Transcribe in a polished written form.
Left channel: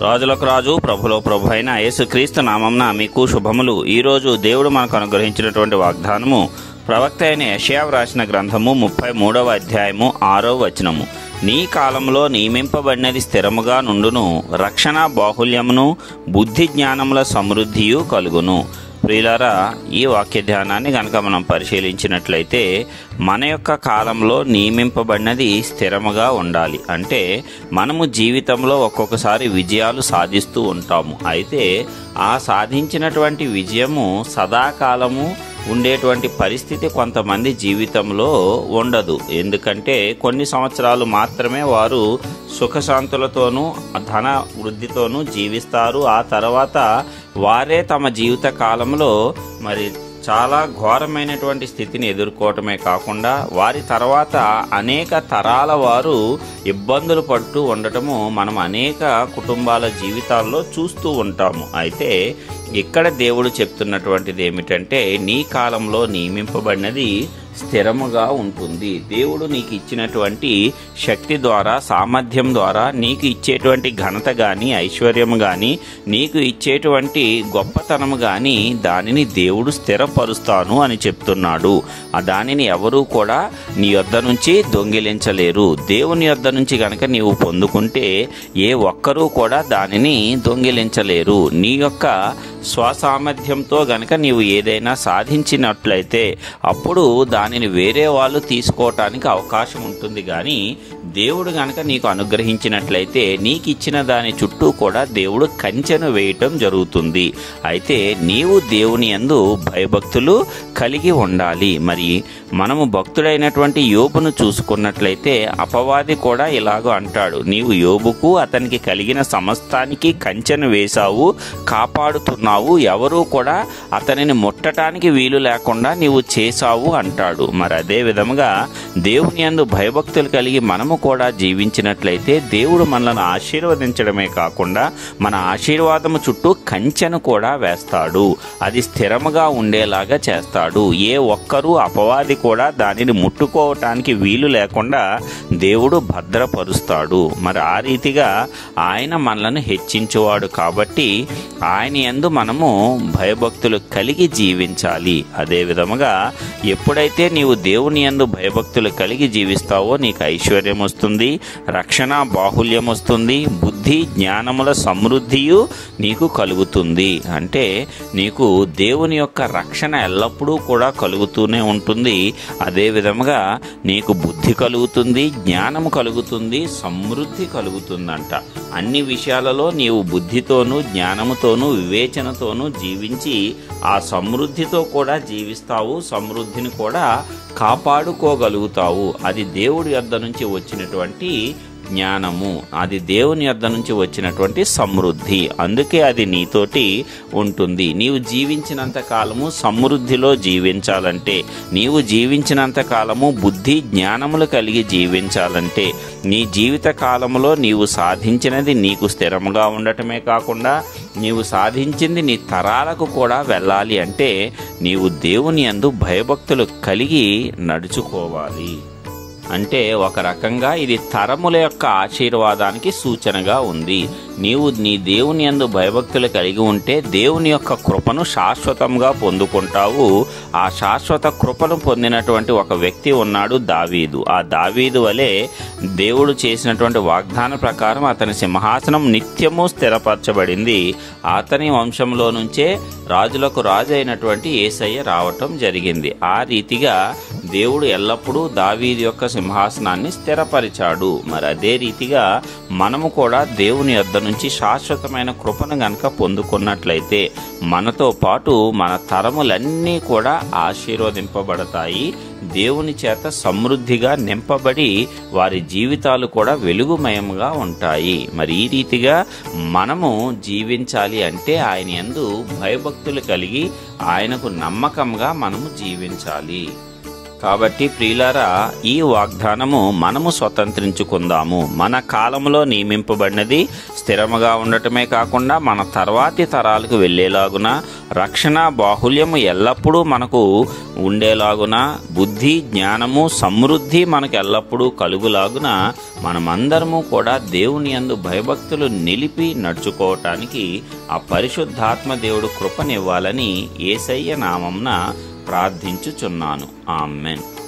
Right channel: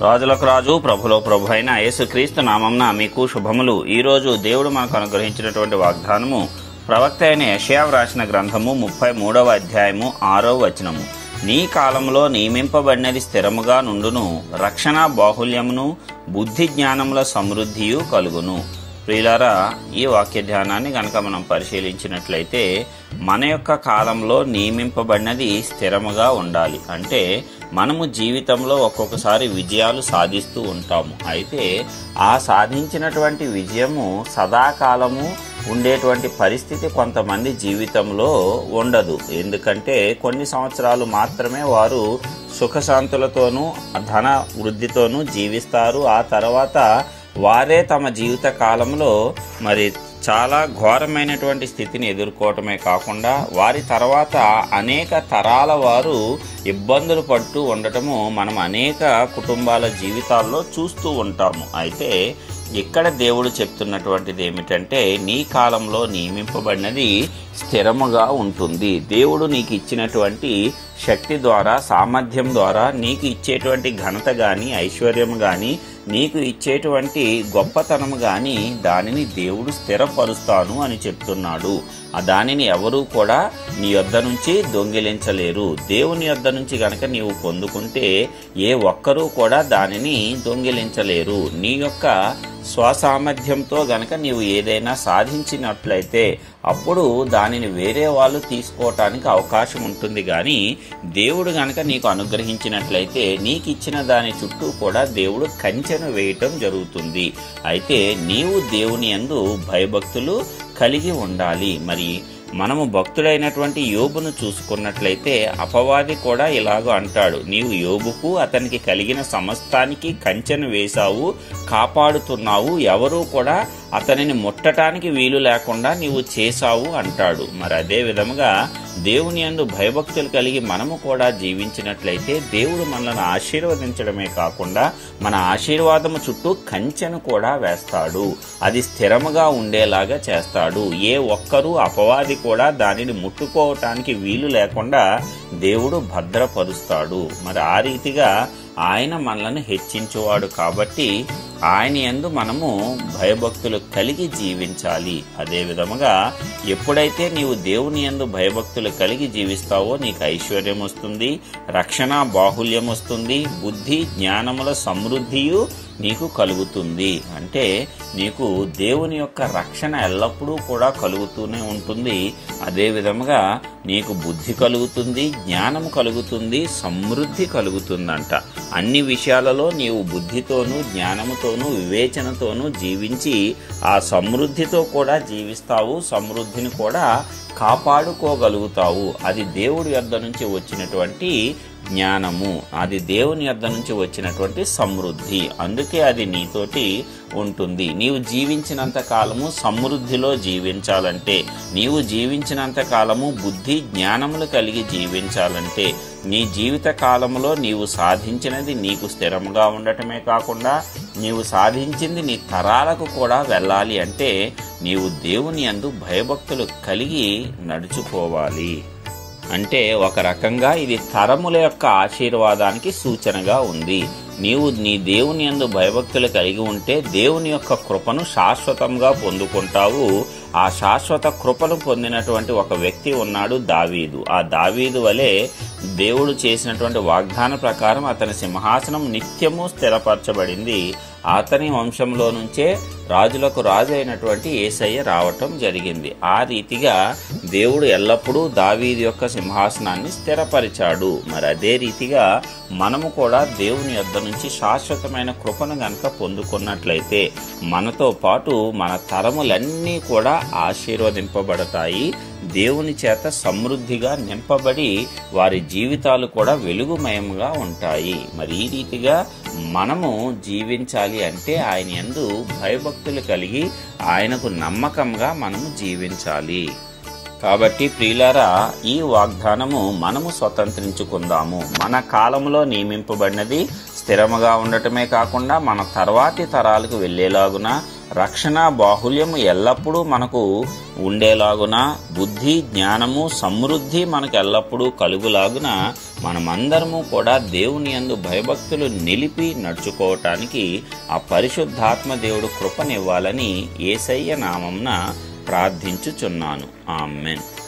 రాజులకు రాజు ప్రభులో ప్రభు అయిన యేసుక్రీస్తు నామంన మీకు శుభములు. ఈ రోజు దేవుడు మనకు అనుగ్రహించినటువంటి వాగ్దానము ప్రవక్త అయిన యెషయా వ్రాసిన గ్రంథము 33వ అధ్యాయము 6వ వచనము. నీ కాలంలో నియమింపబడినది స్థిరముగా నుండును, రక్షణ బాహుల్యమును బుద్ధి జ్ఞానముల సమృద్ధియు కలుగును. ప్రియులారా, ఈ వాక్య ధ్యానాన్ని గనక మనం పరిశీలించినట్లయితే మన యొక్క కాలంలో నియమింపబడినది స్థిరముగా ఉండాలి. అంటే మనము జీవితంలో ఒక్కొక్కసారి విజయాలు సాధిస్తూ ఉంటాము. అయితే ఆ సాధించినటువంటి విజయము సదాకాలము ఉండేటువంటి పరిస్థితి కొంతమంది జీవితంలో ఉండదు. ఎందుకంటే కొన్ని సంవత్సరాలు మాత్రమే వారు సుఖశాంతులతోనూ ధన వృద్ధితోనూ జీవిస్తారు. ఆ తర్వాత వారే తమ జీవిత కాలంలో చాలా ఘోరమైనటువంటి స్థితిని ఎదుర్కోవటమే కాకుండా వారి తర్వాత అనేక తరాల వారు ఇబ్బందులు పడుతూ ఉండటము మనం అనేక కుటుంబాల జీవితాల్లో చూస్తూ ఉంటాము. అయితే ఇక్కడ దేవుడు చెప్తున్నటువంటిది ఏమిటంటే, నీ కాలంలో నియమింపబడినది స్థిరముగా ఉంటుంది. దేవుడు నీకు ఇచ్చినటువంటి శక్తి ద్వారా, సామర్థ్యం ద్వారా, నీకు ఇచ్చేటువంటి ఘనత గాని, ఐశ్వర్యం గాని, నీకు ఇచ్చేటువంటి గొప్పతనము గాని దానిని దేవుడు స్థిరపరుస్తాను అని చెప్తున్నాడు. దానిని ఎవరూ కూడా నీ యొద్ద నుంచి దొంగిలించలేరు. దేవుని యొద్ద నుంచి గనక నీవు పొందుకుంటే ఏ ఒక్కరూ కూడా దానిని దొంగిలించలేరు. నీ యొక్క స్వసామర్థ్యంతో గనక నీవు ఏదైనా సాధించినట్లయితే అప్పుడు దానిని వేరే వాళ్ళు తీసుకోవటానికి అవకాశం ఉంటుంది. గాని దేవుడు గనక నీకు అనుగ్రహించినట్లయితే నీకు ఇచ్చిన దాని చుట్టూ కూడా దేవుడు కంచెను వేయటం జరుగుతుంది. అయితే నీవు దేవుని యందు భయభక్తులు కలిగి ఉండాలి. మరి మనము భక్తుడైనటువంటి యోబును చూసుకున్నట్లయితే అపవాది కూడా ఇలాగో అంటాడు, నీవు యోబుకు అతనికి కలిగిన సమస్తానికి కంచెను వేశావు, కాపాడుతున్నావు, ఎవరూ కూడా అతనిని ముట్టడానికి వీలు లేకుండా నీవు చేశావు అంటాడు. మరి అదే విధముగా దేవుని యందు భయభక్తులు కలిగి మనము కూడా జీవించినట్లయితే దేవుడు మనల్ని ఆశీర్వదించడమే కాకుండా మన ఆశీర్వాదము చుట్టూ కంచెను కూడా వేస్తాడు. అది స్థిరముగా ఉండేలాగా చేస్తాడు. ఏ ఒక్కరూ అపవాది కూడా దానిని ముట్టుకోవటానికి వీలు లేకుండా దేవుడు భద్రపరుస్తాడు. మరి ఆ రీతిగా ఆయన మనల్ని హెచ్చించేవాడు కాబట్టి ఆయన యందు మనము భయభక్తులు కలిగి జీవించాలి. అదే విధముగా ఎప్పుడైతే నీవు దేవుని యందు భయభక్తులు కలిగి జీవిస్తావో నీకు ఐశ్వర్యం వస్తుంది, రక్షణ బాహుల్యం వస్తుంది, బుద్ధి జ్ఞానముల సమృద్ధియు నీకు కలుగుతుంది. అంటే నీకు దేవుని యొక్క రక్షణ ఎల్లప్పుడూ కూడా కలుగుతూనే ఉంటుంది. అదే విధముగా నీకు బుద్ధి కలుగుతుంది, జ్ఞానము కలుగుతుంది, సమృద్ధి కలుగుతుందంట. అన్ని విషయాలలో నీవు బుద్ధితోనూ జ్ఞానముతోనూ వివేచనతోనూ జీవించి ఆ సమృద్ధితో కూడా జీవిస్తావు, సమృద్ధిని కూడా కాపాడుకోగలుగుతావు. అది దేవుడి యొద్ద నుంచి వచ్చినటువంటి జ్ఞానము, అది దేవుని యొద్ద నుంచి వచ్చినటువంటి సమృద్ధి. అందుకే అది నీతోటి ఉంటుంది. నీవు జీవించినంత కాలము సమృద్ధిలో జీవించాలంటే, నీవు జీవించినంత కాలము బుద్ధి జ్ఞానములు కలిగి జీవించాలంటే, నీ జీవిత కాలంలో నీవు సాధించినది నీకు స్థిరముగా ఉండటమే కాకుండా నీవు సాధించింది నీ తరాలకు కూడా వెళ్ళాలి అంటే నీవు దేవుని యందు భయభక్తులు కలిగి నడుచుకోవాలి. అంటే ఒక రకంగా ఇది తరముల యొక్క ఆశీర్వాదానికి సూచనగా ఉంది. నీవు నీ దేవుని యందు భయభక్తులు కలిగి ఉంటే దేవుని యొక్క కృపను శాశ్వతంగా పొందుకుంటావు. ఆ శాశ్వత కృపను పొందినటువంటి ఒక వ్యక్తి ఉన్నాడు, దావీదు. ఆ దావీదు వలె దేవుడు చేసినటువంటి వాగ్దాన ప్రకారం అతని సింహాసనం నిత్యము స్థిరపరచబడింది. అతని వంశంలో నుంచే రాజులకు రాజు అయినటువంటి యేసయ్య రావటం జరిగింది. ఆ రీతిగా దేవుడు ఎల్లప్పుడూ దావీదు యొక్క సింహాసనాన్ని స్థిరపరిచాడు. మరి అదే రీతిగా మనము కూడా దేవుని యొద్ద నుంచి శాశ్వతమైన కృపను గనక పొందుకున్నట్లయితే మనతో పాటు మన తరములన్నీ కూడా ఆశీర్వదింపబడతాయి. దేవుని చేత సమృద్ధిగా నింపబడి వారి జీవితాలు కూడా వెలుగుమయంగా ఉంటాయి. మరి ఈ రీతిగా మనము జీవించాలి అంటే ఆయన యందు భయభక్తులు కలిగి ఆయనకు నమ్మకంగా మనము జీవించాలి. కాబట్టి ప్రియులారా, ఈ వాగ్దానము మనము స్వతంత్రించుకుందాము. మన కాలంలో నియమింపబడినది స్థిరముగా ఉండటమే కాకుండా మన తర్వాతి తరాలకు వెళ్లేలాగున, రక్షణ బాహుల్యము ఎల్లప్పుడూ మనకు ఉండేలాగున, బుద్ధి జ్ఞానము సమృద్ధి మనకు ఎల్లప్పుడూ కలుగులాగున మనమందరము కూడా దేవుని యందు భయభక్తులు నిలిపి నడుచుకోవటానికి ఆ పరిశుద్ధాత్మ దేవుడు కృపనివ్వాలని యేసయ్య నామమున ప్రార్థించుచున్నాను. ఆమేన్.